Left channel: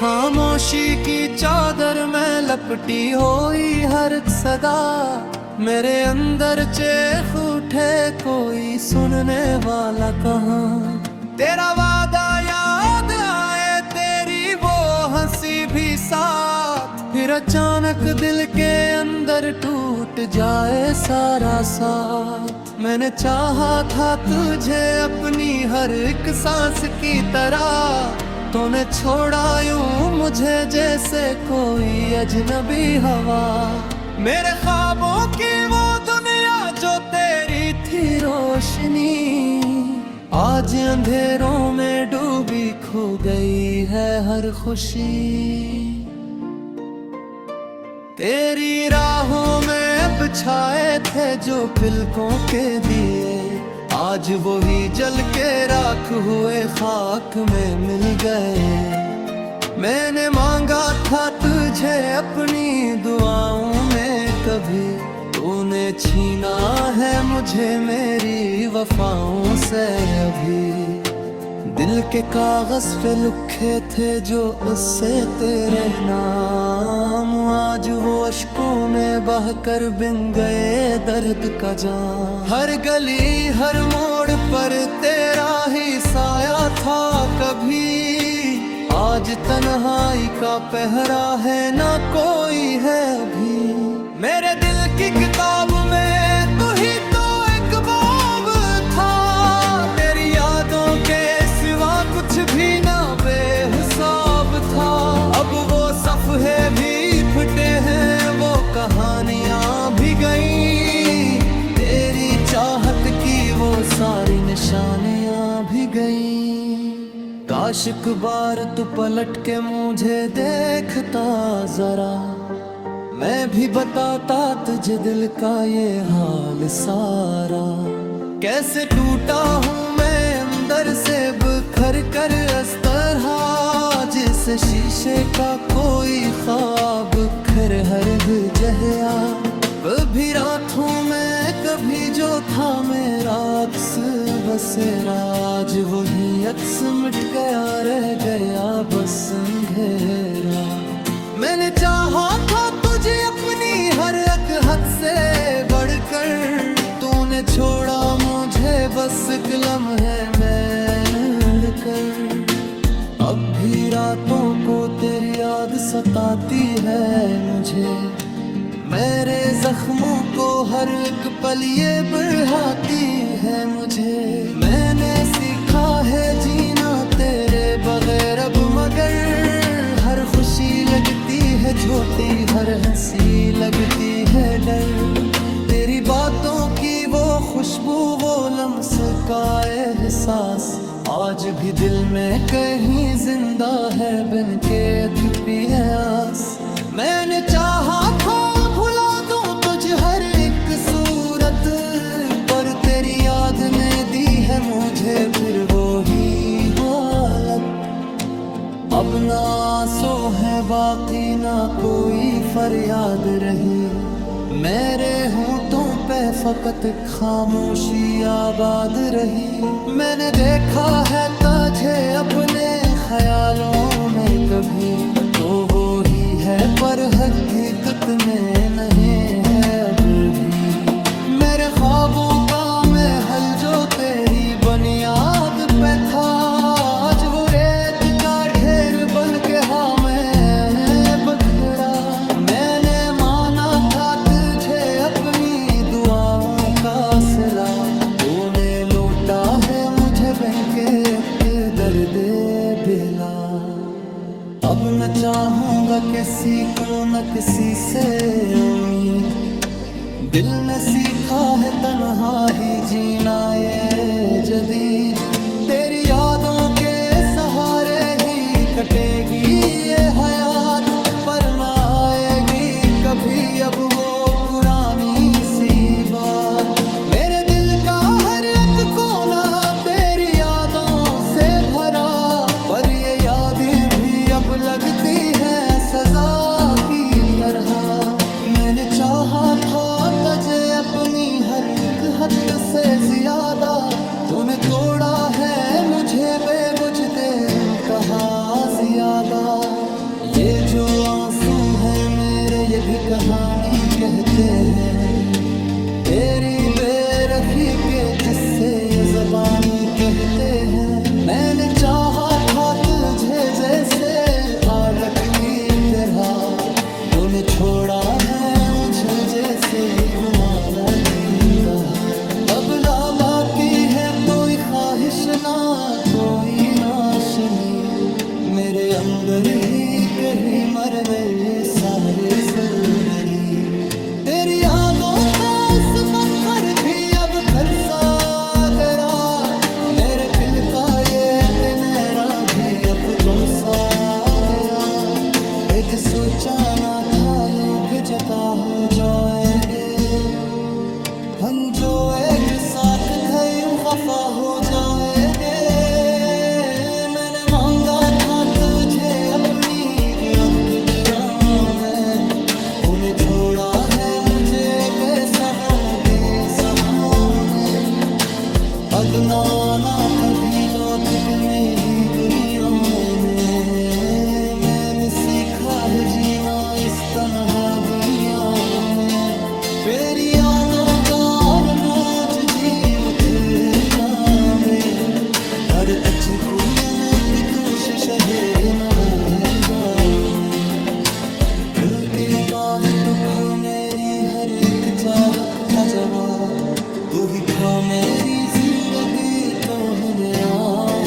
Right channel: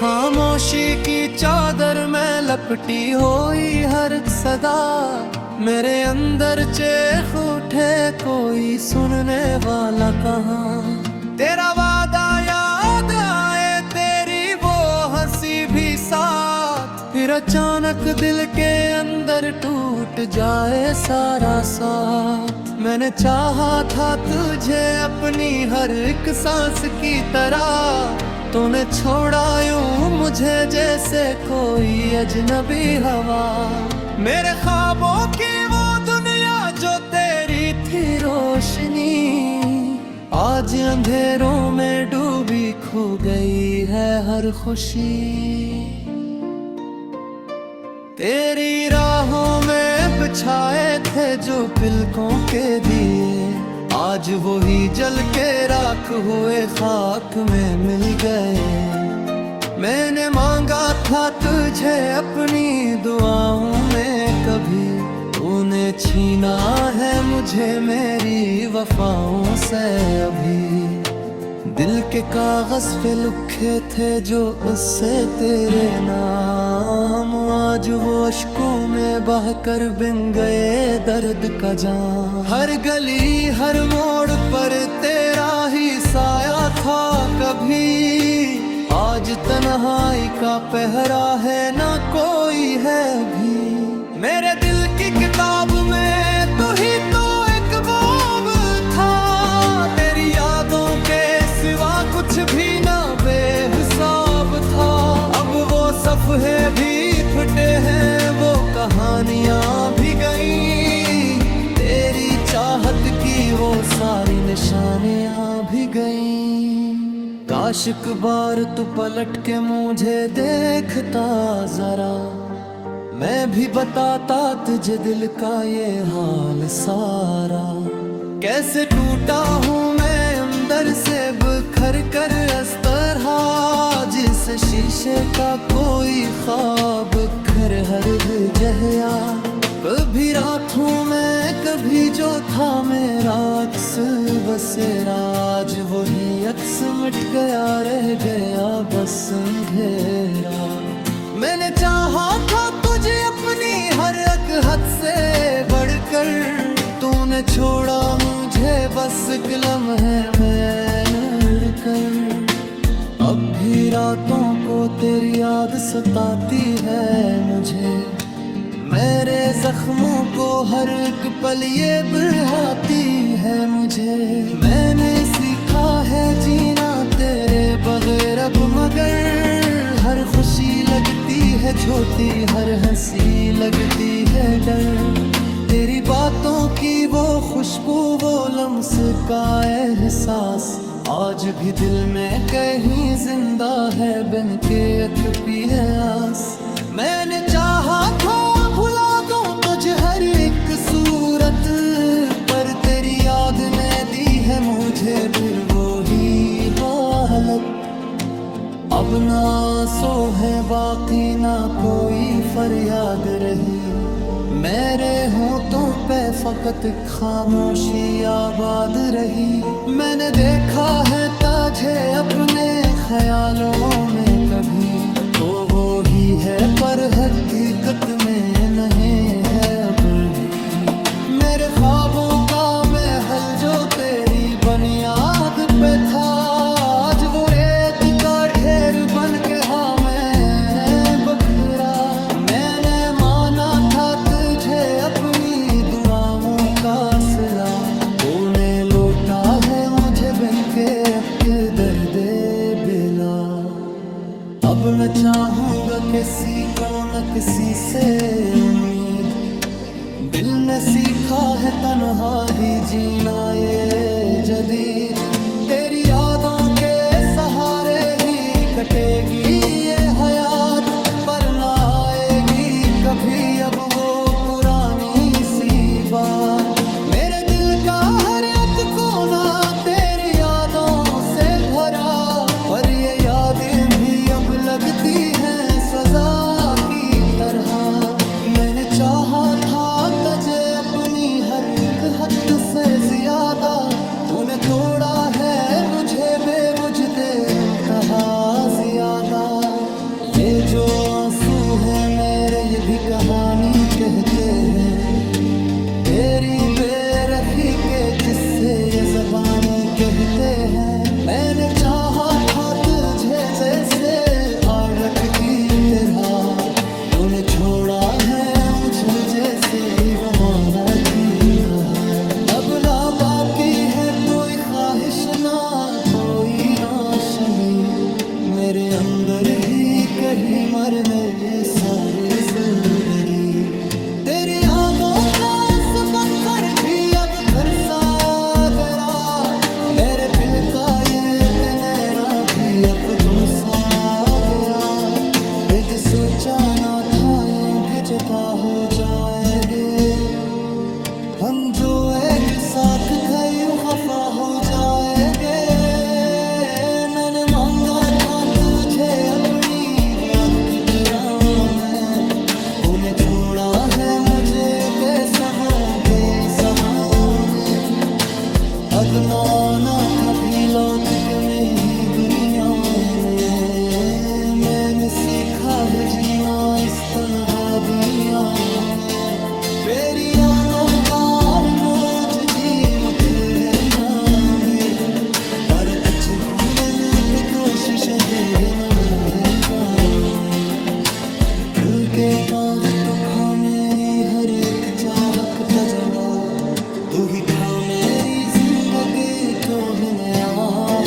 खामोशी की चादर में लपटी हुई हर सदा, मेरे अंदर चेख उठे कोई सुनने वाला कहाँ। तेरा वादा याद आए, तेरी वो हंसी भी साथ, फिर अचानक दिल के अंदर टूट जाए सारा साथ। मैंने चाहा था तुझे अपनी हर एक सांस की तरह, तूने छोड़ा यूं मुझे जैसे कोई अजनबी हवा। मेरे ख्वाबों की वो दुनिया जो तेरी थी रोशनी, आज अंधेरों में डूबी खो गई है हर खुशी। तेरी राहों में बिछाए थे जो पिलकों के दिए, आज वही जल के राख हुए खाक में मिल गए। मैंने मांगा था तुझे अपनी दुआओं में कभी, तूने छीना है मुझे मेरी वफाओं से अभी। दिल के कागज पे लिखे थे जो उससे तेरे नाम, आज वो अश्कों में बहकर बिन गए दर्द का जाम। हर गली हर मोड़ पर तेरा ही साया था कभी, आज तन्हाई का पहरा है ना कोई है अभी। मेरे दिल की किताब में तू ही तो एक बाब था, तेरी यादों के सिवा कुछ भी ना बेहिसाब था। अब वो सफ़े भी फटे हैं, वो कहानियां भी गईं, तेरी चाहत की वो सारी निशानियां भी गईं। काश एक बार तू पलट के मुझे देखता जरा, मैं भी बताता तुझे दिल का ये हाल सारा। कैसे टूटा हूँ मैं अंदर से बिखर कर इस तरह, जिस शीशे का कोई ख्वाब खर हर जहया। कभी रात हूँ मैं कभी जो था मेरा अक्स बसेरा, आज वही अक्स मिट गया रह गया बस अंधेरा। मैंने चाहा था तुझे अपनी हर एक हद से बढ़कर, तूने छोड़ा मुझे बस एक लम्हे में लड़कर। अब भी रातों को तेरी याद सताती है मुझे, मेरे जख्मों को हर एक पल ये बढ़ाती है मुझे। मैंने सीखा है जीना तेरे बगैर अब, मगर हर खुशी लगती है छोटी, हर हंसी लगती है डर। तेरी बातों की वो खुशबू, वो लम्स का एहसास, आज भी दिल में कहीं जिंदा है बिन के एक प्यास। मैंने चाहा था भुला दूं तुझे हर एक सूरत, पर तेरी याद ने दी है मुझे फिर वो ही हालत। अब ना आंसू है बाकी ना कोई फरियाद रही, मेरे होंठों पे फकत खामोशी आबाद रही। मैंने देखा है तुझे अपने ख्यालों में कभी, तो वो ही है पर हकीकत में नहीं है अब भी। मेरे ख्वाबों का महल जो तेरी बुनियाद पे था, आज वो रेत का ढेर बन के हाँ मैं बखरा। मैंने माना था तुझे अपनी दुआओं का सिला, तूने लौटा है मुझे बन के एक दर्द बिला। अब न चाहूंगा किसी को न किसी से उम्मीद, दिल ने सीखा है तन्हा ही जीना ये जदीद। तेरी यादों के सहारे ही कटेगी ये हयात, पर ना आएगी कभी अब वो पुरानी सी बात। मेरे दिल का हर एक कोना तेरी यादों से भरा, पर ये यादें भी अब लगती हैं सजा की तरह। मैंने चाहा था तुझे अपनी हर एक हद से ज्यादा, तूने तोड़ा है मुझे बेवजह तेरे कहा ज्यादा। ये जो आंसू है मेरे ये भी कहानी कहते हैं, तेरी बेरखी के जिससे ये ज़बानी कहते हैं। मैंने चाहा था तुझे जैसे आरख की तरह, तूने छोड़ा है मुझे जैसे गुमारा की तरह। अब ला बाकी है कोई ख्वाहिश ना कोई नाशनी, मेरे अंदर ही कहीं मर गए सारे जिंदगी। तेरी यादों का सबकर भी अब खरसा गया, मेरे दिल का ये तनेरा भी अब तुम सा गया। एक सोचा ना था यूं भी जता हो जाएंगे, हम जो एक साथ थे यूं खफा हो जाएंगे। मैंने मांगा था तुझे अपनी बुअत में, तूने छोड़ा है मुझे बेसहों के सहाने। अब ना आना कभी लौट के मैं ही दुनिया में, मैंने सीखा है जीना इस तन्हा दुनिया में। तेरी आनों का बोझ जी उठ में, पर तुझे भूलने की कोशिश है न में। दिल के काहे तो खा मेरी हर एक चाहत का जवाब, तू ही था मेरी जिंदगी तो है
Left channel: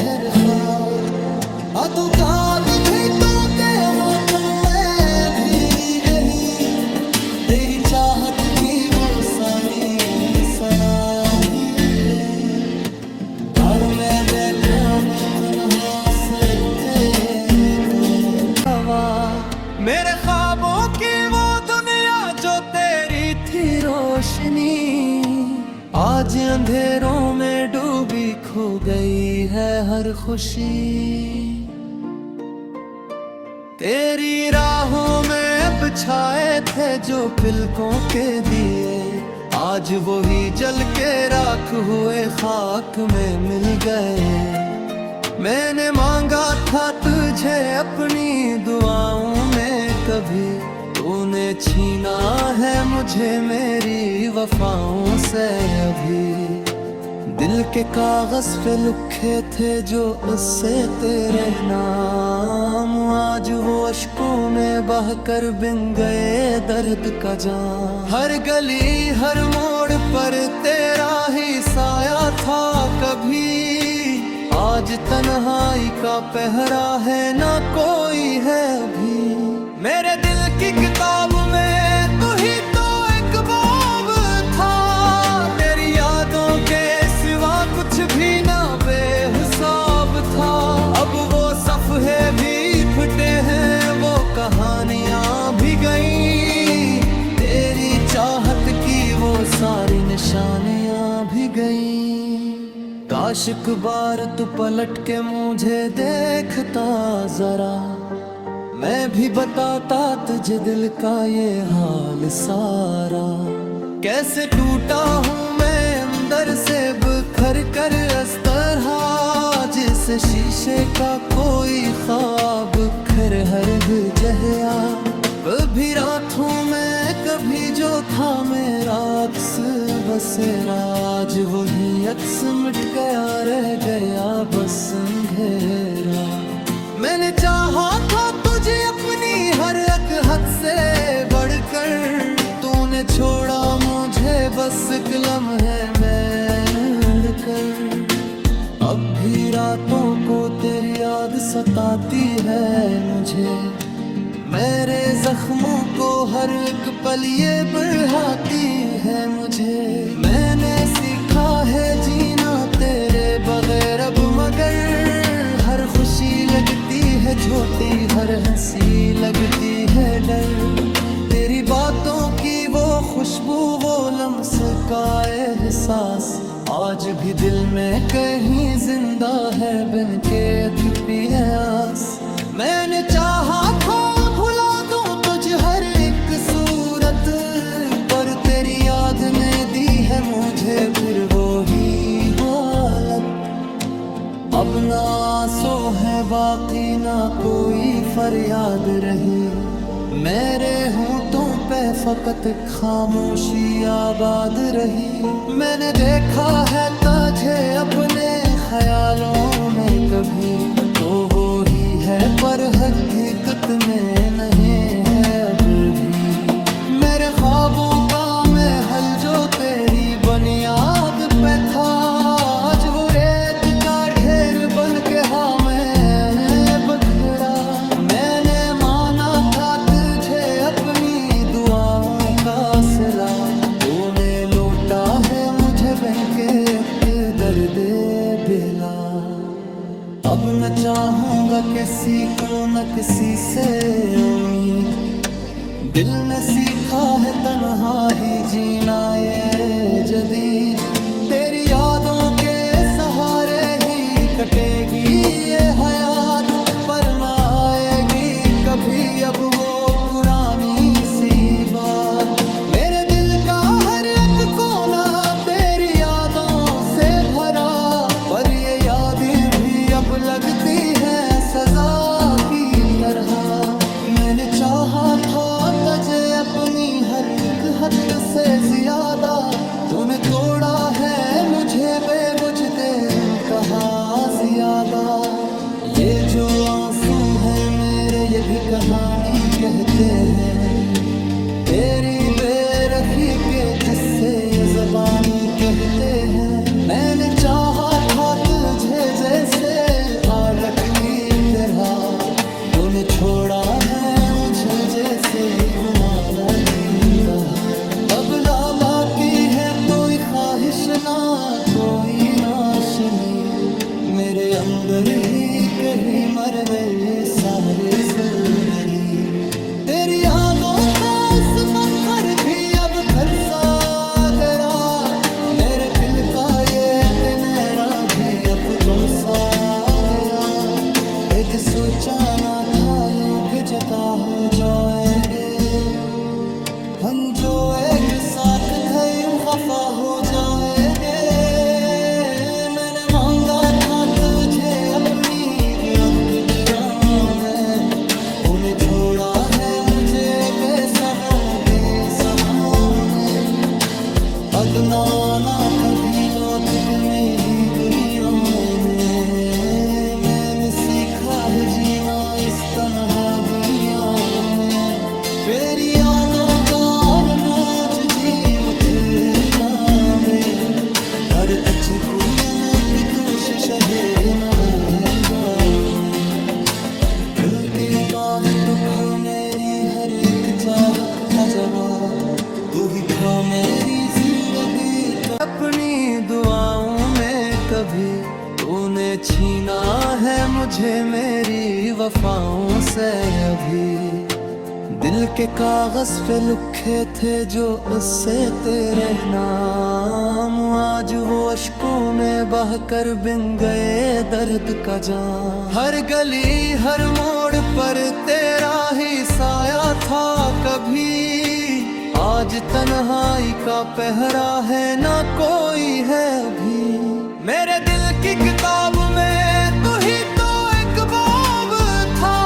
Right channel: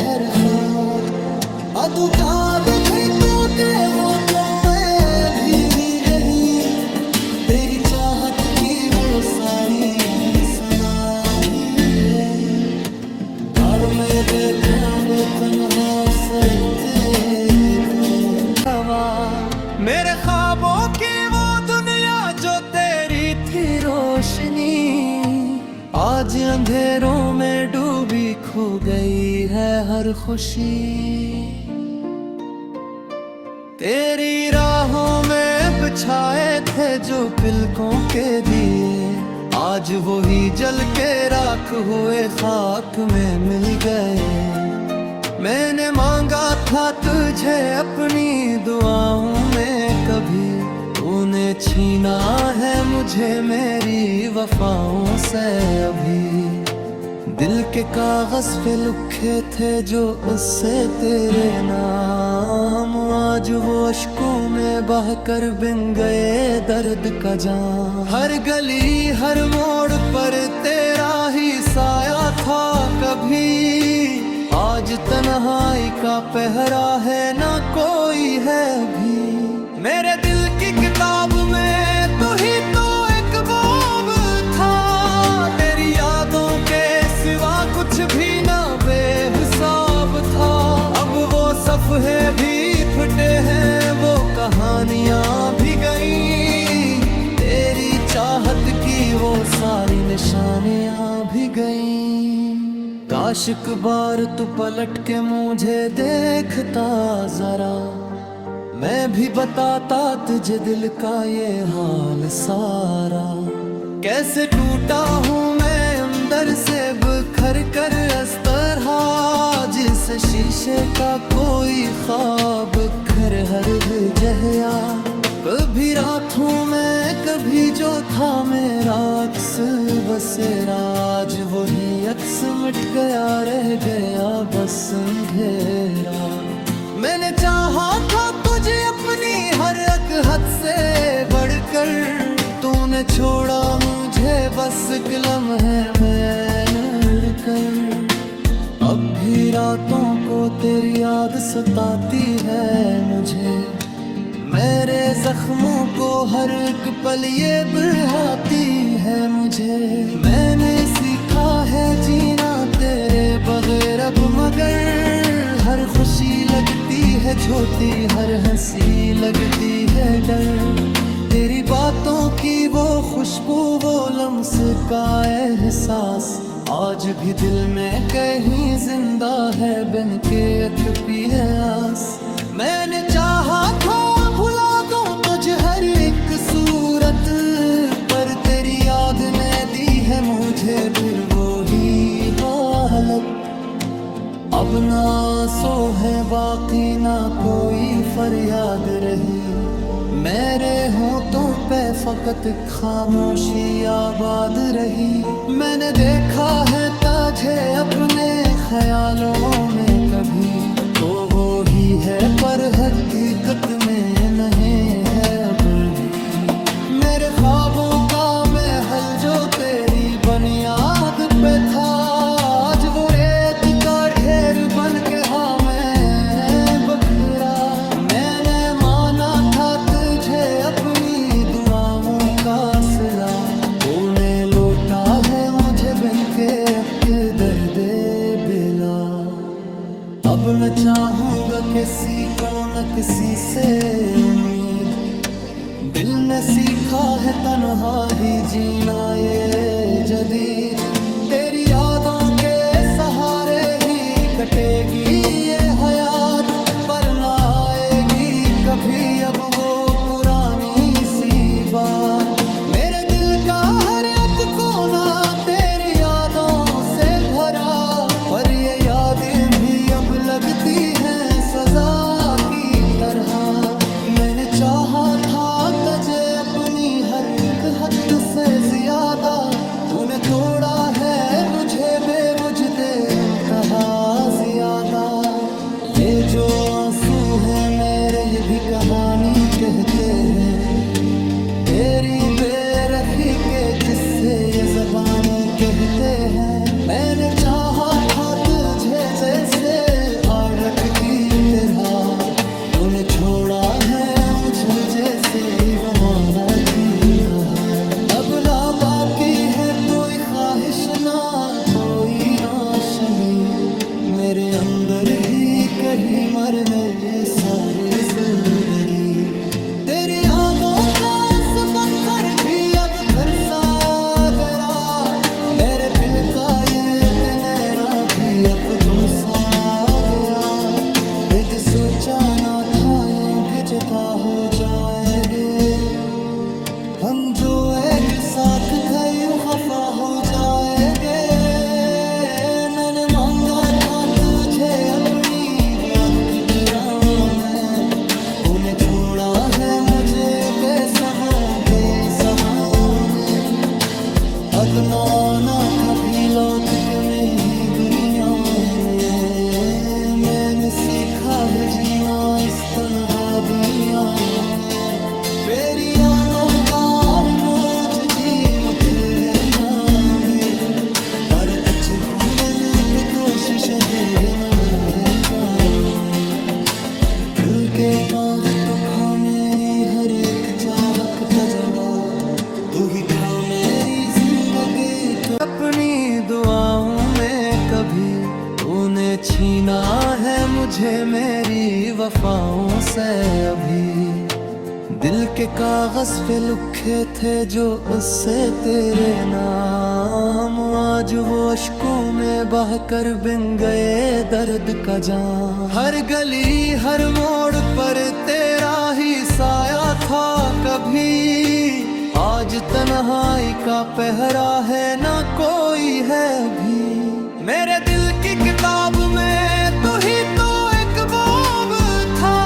हर खाक। अदू याद थे तो ते वो तुम मैं भी गई, तेरी चाहत की वो सारी सनाया भी गई। और मैं देखा वो तन्हा सरते तुम्हें हवा, मेरे ख्वाबों की वो दुनिया जो तेरी थी रोशनी, आज अंधेरों में डूबी खो गई है हर खुशी। तेरी राहों में बिछाए थे जो पिलकों के दिए, आज वो ही जल के राख हुए खाक में मिल गए। मैंने मांगा था तुझे अपनी दुआओं में कभी, तूने छीना है मुझे मेरी वफाओं से अभी। दिल के कागज पे लिखे थे जो उससे तेरे नाम, आज वो अश्कों में बहकर बिन गए दर्द का जाम। हर गली हर मोड़ पर तेरा ही साया था कभी, आज तन्हाई का पहरा है ना कोई है अभी। मेरे दिल की किताब में तू ही तो एक बाब था, तेरी यादों के सिवा कुछ भी ना बेहिसाब था। अब वो सफ़े भी फटे हैं वो कहानियां भी गईं, तेरी चाहत की वो सारी निशानियां भी गईं। काश एक बार तू पलट के मुझे देखता जरा, मैं भी बताता तुझे दिल का ये हाल सारा। कैसे टूटा हूँ मैं अंदर से बिखर कर इस तरह, जिस शीशे का कोई ख्वाब खर हर जहया। कभी रात हूँ मैं कभी जो था मेरा अक्स बसेरा, आज वही अक्स मिट गया रह गया बस अंधेरा। मैंने चाहा था तुझे अपनी हर एक हद से बढ़कर, तूने छोड़ा मुझे बस एक लम्हे में लड़कर। अब भी रातों को तेरी याद सताती है मुझे, मेरे जख्मों को हर एक पल ये बढ़ाती है मुझे। मैंने सीखा है जीना तेरे बगैर अब, मगर हर खुशी लगती है छोटी हर हंसी लगती है डर। तेरी बातों की वो खुशबू वो लम्स का एहसास, आज भी दिल में कहीं जिंदा है बिन के तपी है आस। मैंने चाहा था भुला दूं तो रोज हर एक सूरत पर तेरी याद ने दी है मुझे फिर वो ही हालत। अब ना आंसू है बाकी ना कोई फरियाद रही, मेरे होंठों पे फकत खामोशी आबाद रही। मैंने देखा है तुझे अपने ख्यालों में कभी, तो वो ही है पर हकीकत में नहीं है अब भी। मेरे ख्वाबों का महल जो तेरी बुनियाद पे था, आज वो रेत का ढेर बन के हाँ मैं बखरा। मैंने माना था तुझे अपनी दुआओं का सिला, तूने लौटा है मुझे बन के दर्द बिला। अब न चाहूंगा किसी को न किसी से उम्मीद, दिल ने सीखा है तन्हा ही जीना ये जदीद। तेरी यादों के सहारे ही कटेगी ये हयात, पर ना आएगी कभी अब वो पुरानी सी बात। मेरे दिल का हर एक कोना तेरी यादों से भरा, पर ये यादें भी अब लगती हैं सजा की तरह। मैंने चाहा था तुझे अपनी हर एक हद से ज्यादा, तूने तोड़ा है मुझे बेवुझ देर कहा ज्यादा। ये जो आंसू है मेरे ये भी कहानी कहते हैं, तेरी बेरखी के जिससे ये ज़बानी कहते हैं। मैंने चाहा था तुझे जैसे आरख की तरह, तूने छोड़ा है मुझे जैसे गुमारा की तरह। अब ला बाकी है कोई ख्वाहिश ना कोई नाशनी, मेरे अंदर ही कहीं मर गई सारी जिंदगी। तेरी यादों का इस पत्थर भी अब खरसा गया, मेरे दिल का ये तनेरा भी अब तुम सा गया। यदि सोचा ना था यूं भी जता हो जाएंगे, हम जो एक साथ थे यूं खफा हो जाएंगे। मैंने मांगा था तुझे अपनी बुआत में, तूने छोड़ा है मुझे बेसहों के सहाने। अब ना आना कभी लौट के मेरी दुनिया में, मैंने सीखा है जीना इस तन्हा दुनिया में। तेरी आनों का बोझ जी उठ जाए, पर कुछ घूमने में कोशिश है न जाने। दिल के काहे तो खा मेरी हर एक चाहत का जवाब, तू ही खा मेरी जिंदगी तो। अपनी दुआओं में कभी तूने छीना है मुझे मेरी वफाओं से अभी। दिल के कागज पे लिखे थे जो उससे तेरे नाम, आज वो अश्कों में बहकर बिन गए दर्द का जाम। हर गली हर मोड़ पर तेरा ही साया था कभी, आज तन्हाई का पहरा है ना कोई है अभी। मेरे दिल की किताब में तू ही तो एक बाब था,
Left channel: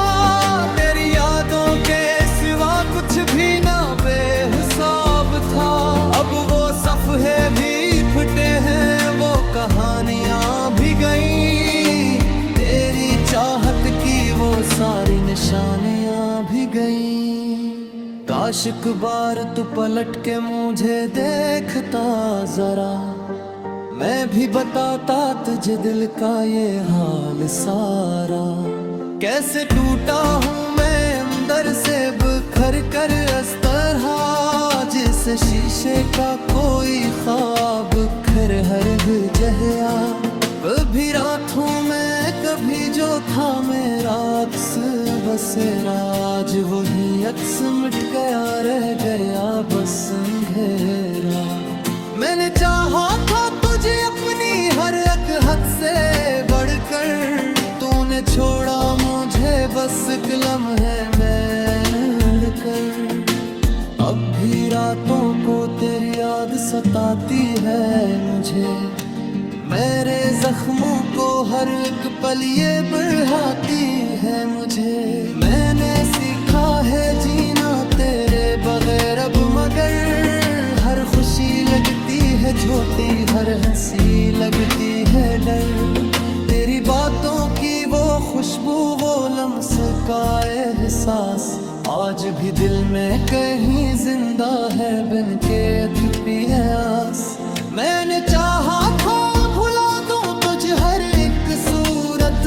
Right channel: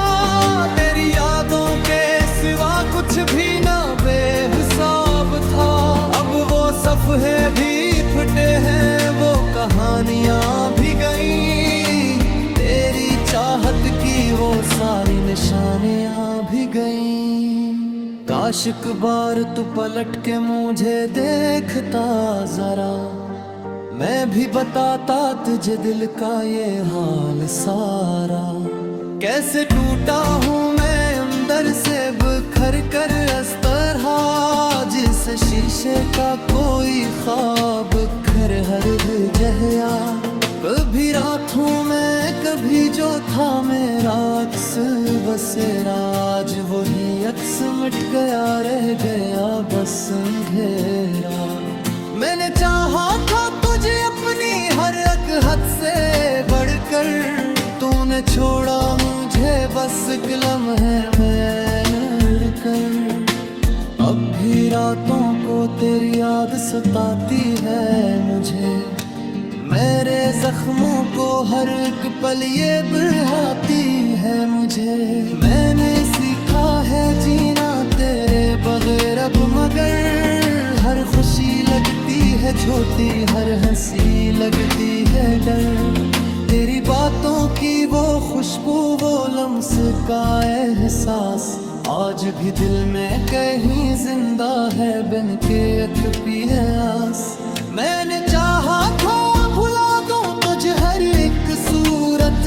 तेरी यादों के सिवा कुछ भी ना बेहिसाब था। अब वो सफ़े भी फटे हैं वो कहानियां भी गईं, तेरी चाहत की वो सारी निशानियां भी गईं। काश एक बार तू पलट के मुझे देखता जरा, मैं भी बताता तुझे दिल का ये हाल सारा। कैसे टूटा हूँ मैं अंदर से बिखर कर इस तरह, जिस शीशे का कोई ख्वाब खर हर जहया। कभी रात हूँ मैं कभी जो था मेरा अक्स बसेरा, आज वही अक्स मिट गया रह गया बस अंधेरा। मैंने चाहा था तुझे अपनी हर एक हद से बढ़कर, तूने छोड़ा मुझे बस एक लम्हे में बढ़कर। अब भी रातों को तेरी याद सताती है मुझे, मेरे जख्मों को हर एक पल ये बढ़ाती है मुझे। मैंने सीखा है जीना तेरे बगैर अब, मगर हर खुशी लगती है छोटी, हर हंसी लगती है डर। तेरी बातों की वो खुशबू, वो लम्स का एहसास आज भी दिल में कहीं जिंदा है, बन के एक प्यास। मैंने चाहा था भुला दूं तुझे हर एक सूरत,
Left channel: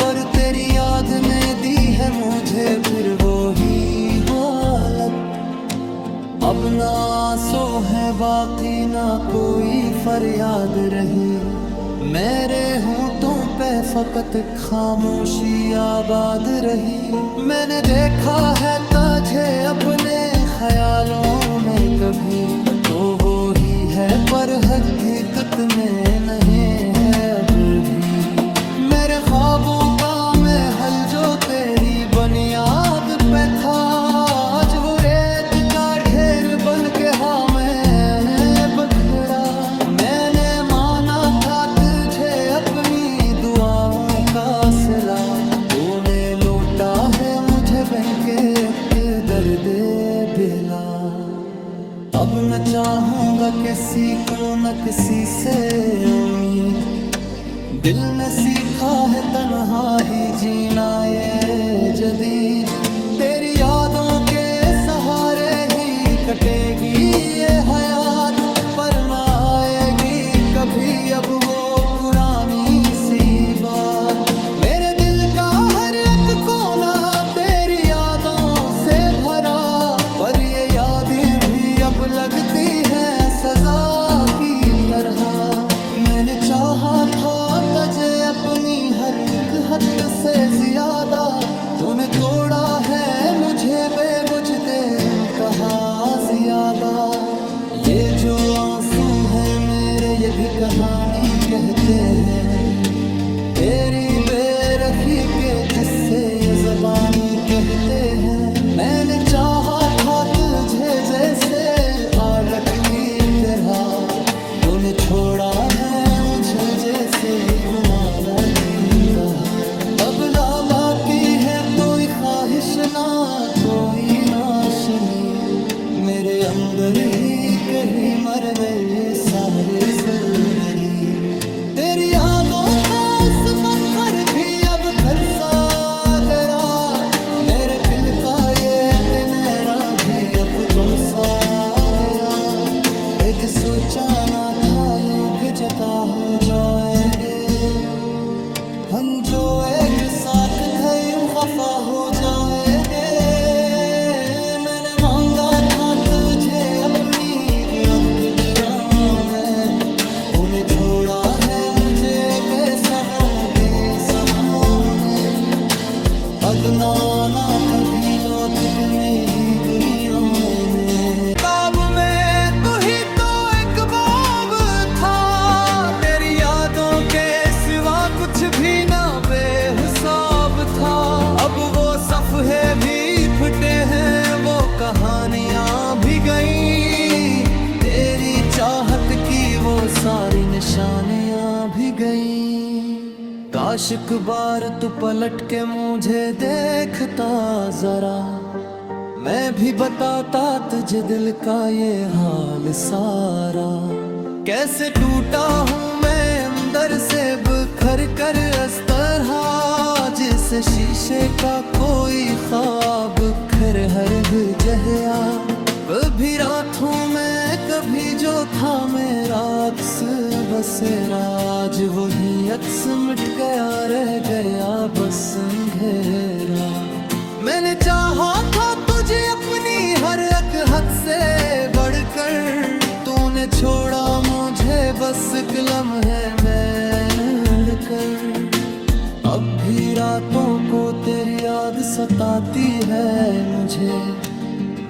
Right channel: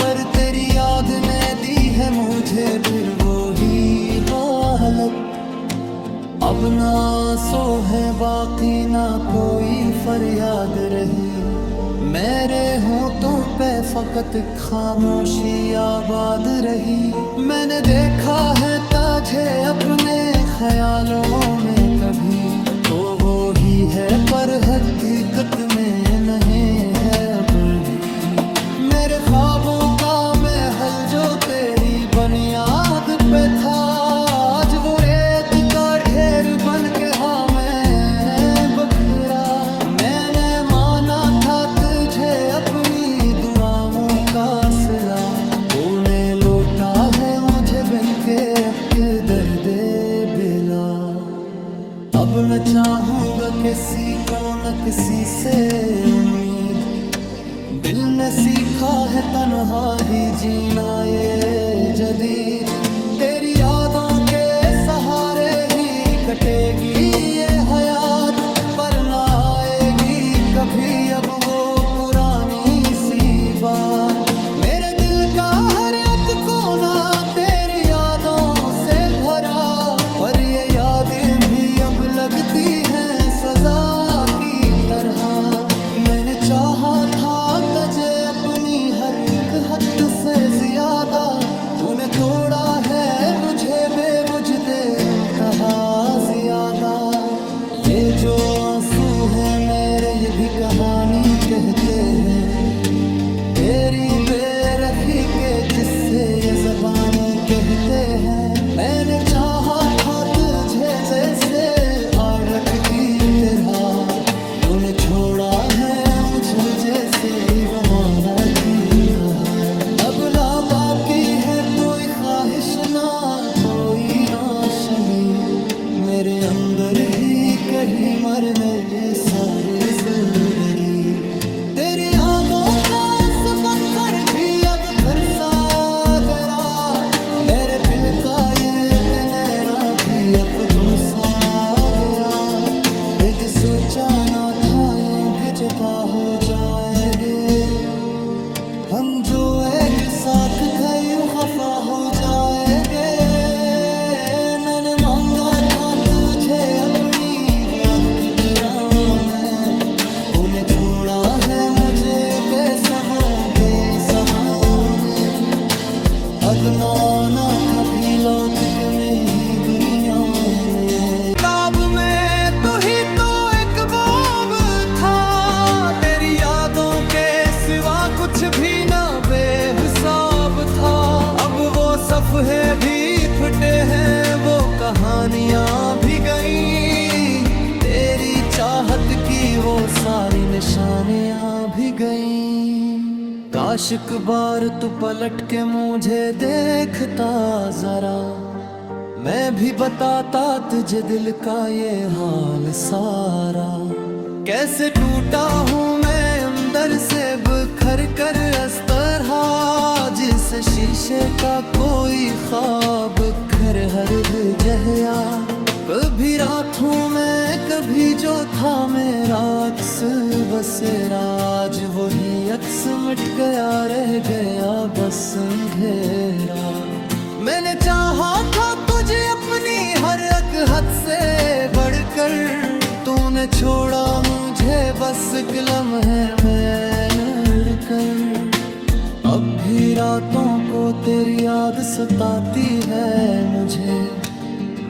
पर तेरी याद ने दी है मुझे फिर वो ही हालत। अब ना आंसू है बाकी ना कोई फरियाद रही, मेरे होंठों पे फकत खामोशी आबाद रही। मैंने देखा है तुझे अपने ख्यालों में कभी, तो वो ही है पर हकीकत में नहीं है अब भी। मेरे ख्वाबों का महल जो तेरी बुनियाद पे था, आज वो रेत का ढेर बन के हाँ मैं बखरा। मैंने माना था तुझे अपनी दुआओं का सिला, तूने लौटा है मुझे बन के एक दर्द बिला। अब न चाहूंगा किसी को न किसी से उम्मीद, दिल ने सीखा है तन्हा ही जीना ये जदीद। तेरी यादों के सहारे ही कटेगी ये हयात, पर ना आएगी कभी अब वो पुरानी सी बात। मेरे दिल का हर एक कोना तेरी यादों से भरा, पर ये यादें भी अब लगती हैं सजा की तरह। मैंने चाहा था तुझे अपनी हर एक हद से ज्यादा, तूने तोड़ा है मुझे बेवजह तेरे कहा ज्यादा। ये जो आंसू हैं मेरे ये भी कहानी कहते हैं, तेरी बेरखी के जिससे ये ज़बानी कहते हैं। मैंने चाहा था तुझे जैसे आरख की तरह, तूने छोड़ा है मुझे जैसे गुमारा की तरह। अब ला बाकी है कोई ख्वाहिश ना कोई नाशनी, मेरे अंदर ही कहीं मर गए सारे जिंदगी। तेरी यादों का पत्थर भी अब खरसा तेरा, मेरे दिल का ये तनेरा भी अब तुम सा गया। यदि सोचा ना था यूं भी जता हो जाएंगे, हम जो एक साथ थे यूं खफा हो जाएंगे। मैंने मांगा था तुझे अपनी वक्त में, तूने छोड़ा है मुझे बेसहों के सहाने। अब ना आना कभी लौट के मैं ही दुनिया में। ख्वाब में तू ही तो एक बाब था, तेरी यादों के सिवा कुछ भी ना बेहिसाब था। अब वो सफ़े भी फटे हैं वो कहानियां भी गईं, तेरी चाहत की वो सारी निशानियां भी गईं। काश एक बार तू पलट के मुझे देखता जरा, मैं भी बताता तुझे दिल का ये हाल सारा। कैसे टूटा हूँ मैं अंदर से बिखर कर इस तरह, जिस शीशे का कोई ख्वाब खर हर जहया। कभी रात हूँ मैं कभी जो था मेरा अक्स बसेरा, आज वही अक्स मिट गया रह गया बस अंधेरा। मैंने चाहा था तुझे अपनी हर एक हद से बढ़कर, तूने छोड़ा मुझे बस एक लम्हे में लड़कर। अब भी रातों को तेरी याद सताती है मुझे,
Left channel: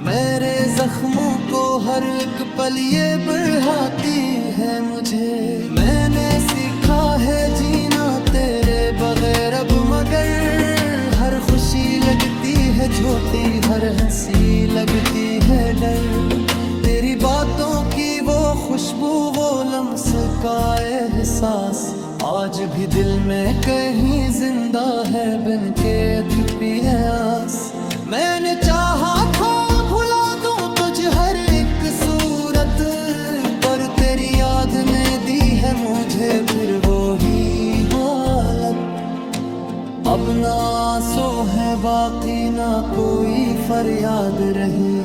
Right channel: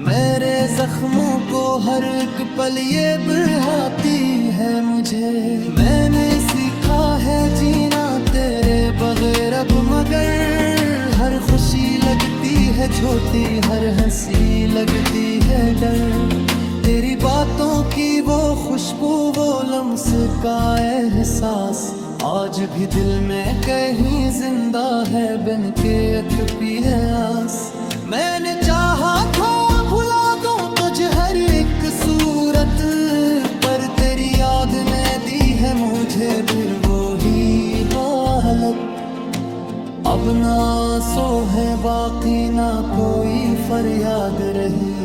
मेरे जख्मों को हर एक पल ये बढ़ाती है मुझे। मैंने सीखा है जीना तेरे बगैर अब, मगर हर खुशी लगती है छोटी, हर हंसी लगती है डर। तेरी बातों की वो खुशबू, वो लम्स का एहसास आज भी दिल में कहीं जिंदा है, बन के अटपी है आस। मैंने चाहा था भुला दूं तुझे हर एक सूरत, पर तेरी याद ने दी है मुझे फिर वो ही हालत। अब ना आंसू है बाकी ना कोई फरियाद रही,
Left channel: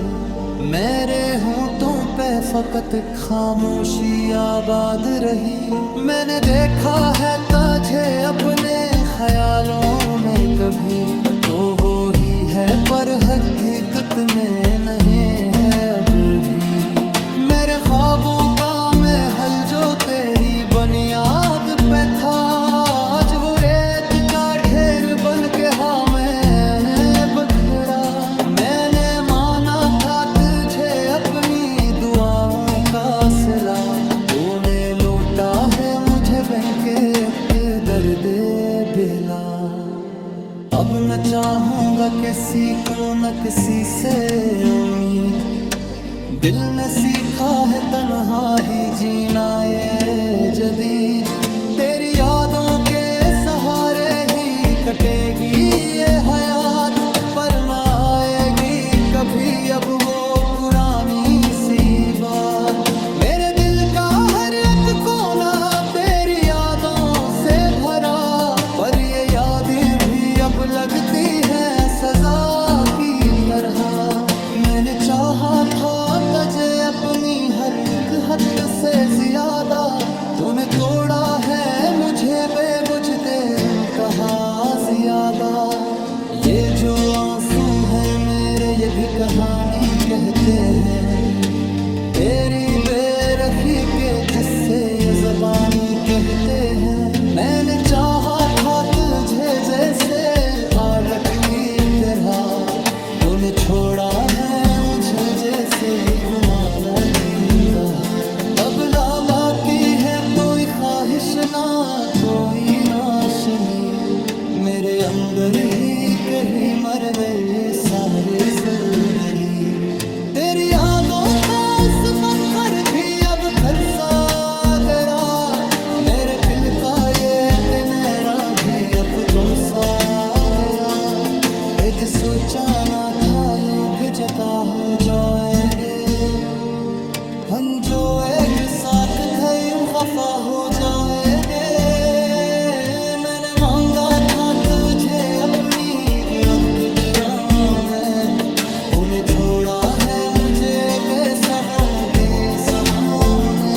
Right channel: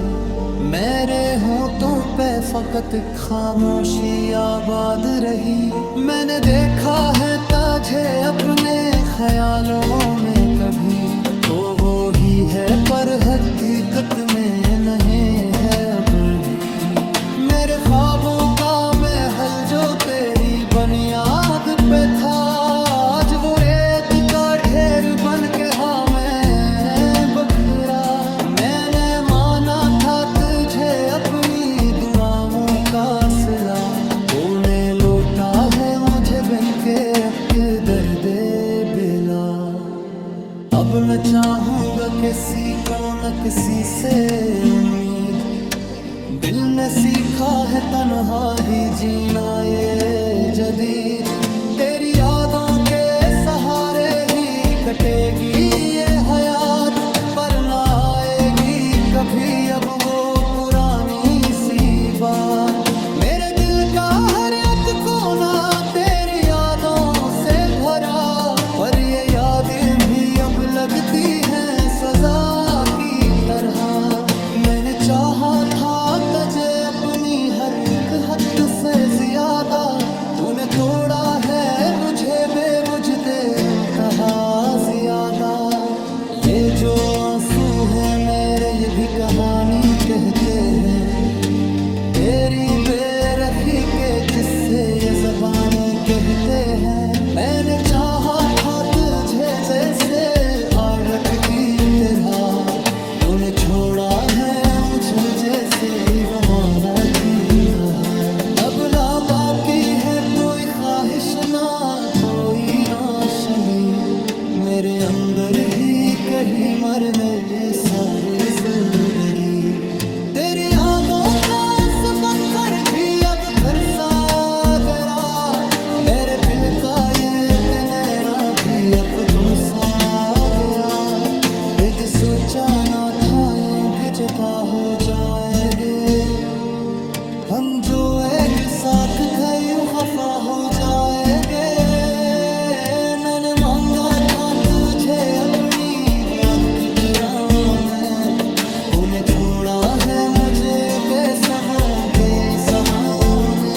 मेरे होंठों पे फकत खामोशी आबाद रही। मैंने देखा है तुझे अपने ख्यालों में कभी, तो वो ही है पर हकीकत में नहीं है अब भी। मेरे ख्वाबों का महल जो तेरी बुनियाद पे था, आज वो रेत का ढेर बन के हाँ मैं बखरा। मैंने माना था तुझे अपनी दुआओं का सिला, तूने लौटा है मुझे बन के दर्द बेला। अब न चाहूंगा किसी को न किसी से उम्मीद, दिल ने सीखा है तन्हा ही जीना ये जदीद। तेरी यादों के सहारे ही कटेगी ये हयात, पर ना आएगी कभी अब वो पुरानी सी बात। मेरे दिल का हर एक कोना तेरी यादों से भरा, पर ये यादें भी अब लगती हैं सजा की तरह। मैंने चाहा था तुझे अपनी हर एक हद से ज्यादा, तूने तोड़ा है मुझे बेवजह कहा ज्यादा। ये जो आंसू हैं मेरे ये भी कहानी कहते हैं, तेरी बेरखी के जिससे ये ज़बानी कहते हैं। मैंने चाहा था तुझे जैसे आरख की तरह, तूने छोड़ा है मुझे जैसे गुमारा की तरह। अब ला बाकी है कोई ख्वाहिश ना कोई नाशनी, मेरे अंदर ही कहीं मर गए सारे ज़रूरी। तेरी यादों का पत्थर भी अब खरसा गया, मेरे दिल का ये तनेरा भी अब तुम सा गया। यदि सोचा ना था यूं भी जता हो जाएंगे, हम जो एक साथ थे यूं खफा हो जाएंगे। मैंने मांगा था तुझे अपनी वक्त में, तूने छोड़ा है मुझे बेसहों के सहाने।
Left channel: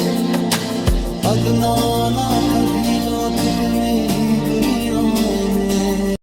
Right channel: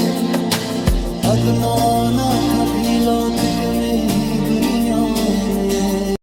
अब ना आना कभी लौट के मेरी दुनिया में।